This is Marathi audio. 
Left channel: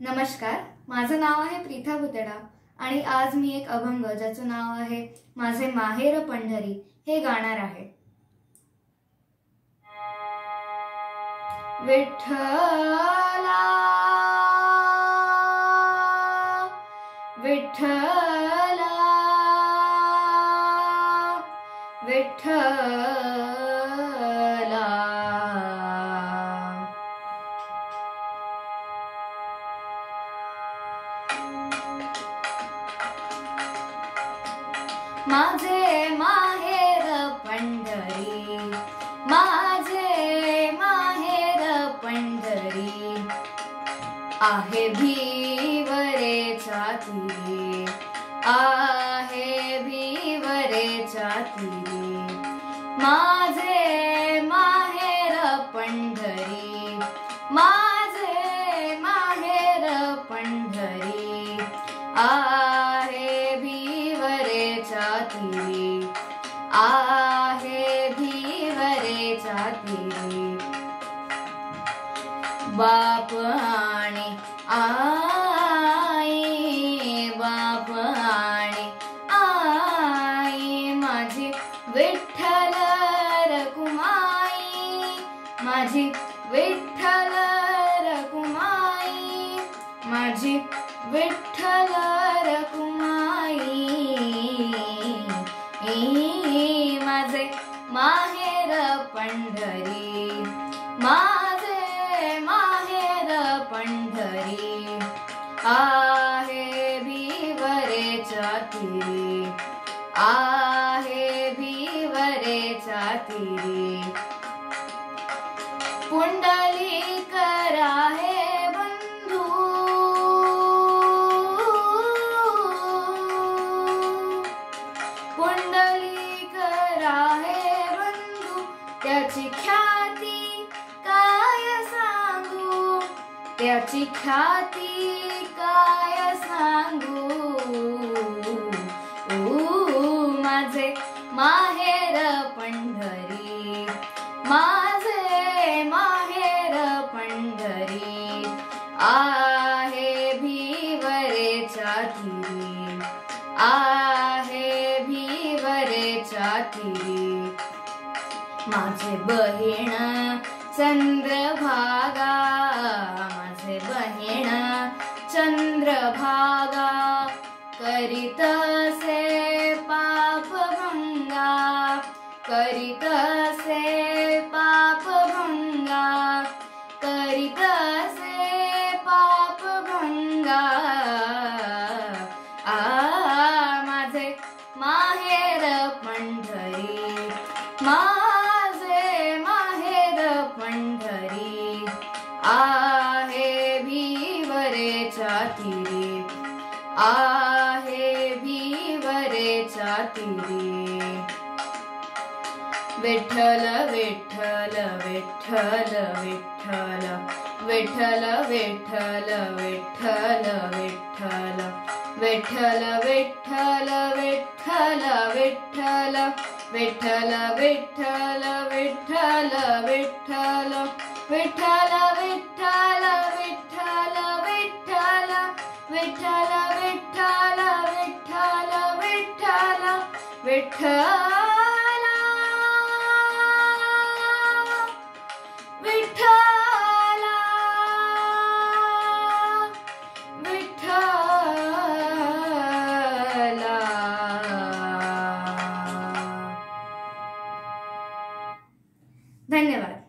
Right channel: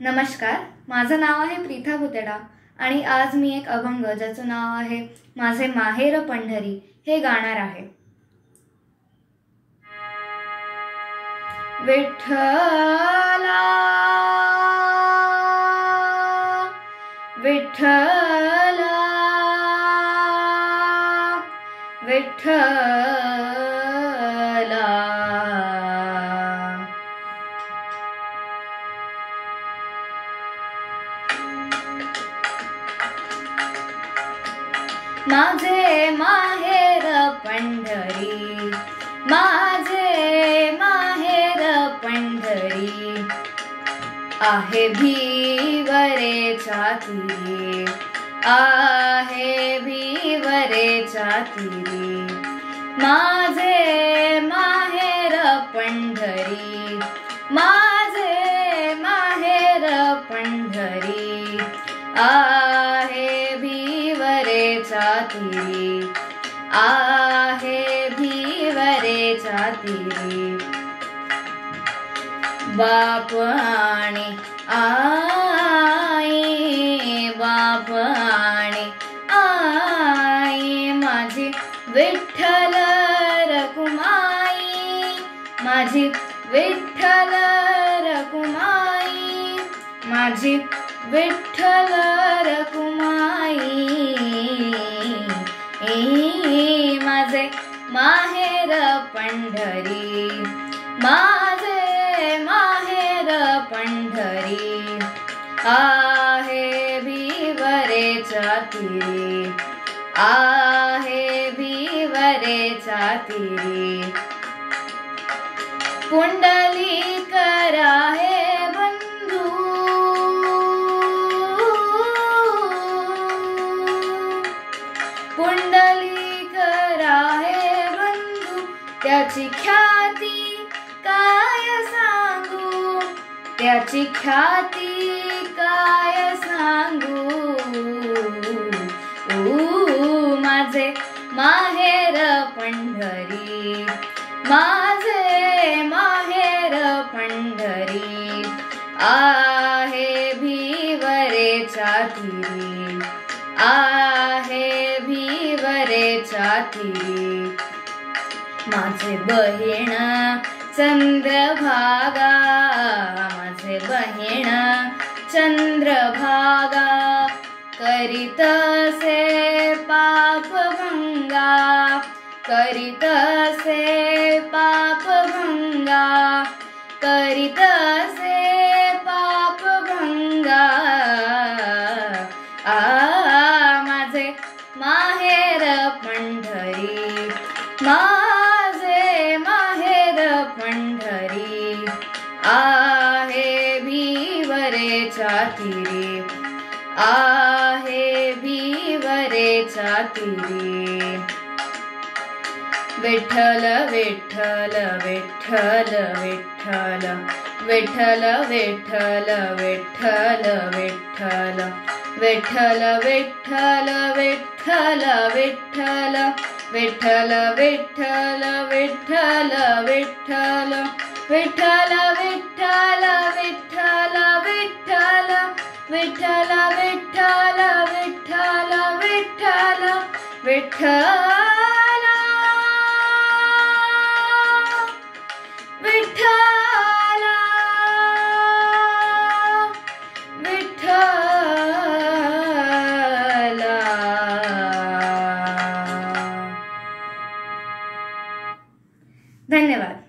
नमस्कार, माझं नाव आहे प्रीथा भुतेडा आणि आज मी एक अभंग ज्याचं नाव आहे माझे माहेर पंढरी हे गाणार आहे। विठ्ठला विठ्ठला विठ्ठला माझे माहेर पंढरी, माझे माहेर पंढरी, आहे भिवरेच्या तीरी, आहे भिवरेच्या तीरी। माझे माहेर पंढरी, माझे माहेर पंढरी, आहे भिवरेच्या तीरी, आहे भिवरेच्या तीरी। बाप आणि आई, बाप आणि आई, माझी विठ्ठल रखुमाई, माझी विठ्ठल रखुमाई, माझी विठ्ठल रखुमाई। माझे माहेर पंढरी, माझे माहेर पंढरी, आहे भिवरेच्या तीरी, आहे भिवरेच्या तीरी। पुंडलिक राहे बंधू, पुंडलिक राहे बंधू, त्याची ख्याती काय सांगू, त्याची ख्याती काय सांगू। माझे माहेर पंढरी, माझे माहेर पंढरी, आहे भिवरेच्या तीरी, आहे भिवरेच्या तीरी। माझे बहीण चंद्रभागा, माझे बहीण चंद्रभागा, करीतसे पापभंगा, करीतसे पापभंगा, करीतसे पापभंगा। माझे माहेर पंढरी, माझे माहेर पंढरी, आहे भिवरेच्या तीरी, आहे भिवरेच्या तीरी। विठ्ठल विठ्ठल विठ्ठल विठ्ठल, विठ्ठल विठ्ठल विठ्ठल विठ्ठल, विठ्ठल विठ्ठल विठ्ठल विठ्ठल, विठ्ठल विठ्ठल विठ्ठल विठ्ठल, विठ्ठल विठ्ठल विठ्ठल विठ्ठल, विठ्ठल विठ्ठल विठ्ठल विठ्ठल विठ्ठल। धन्यवाद।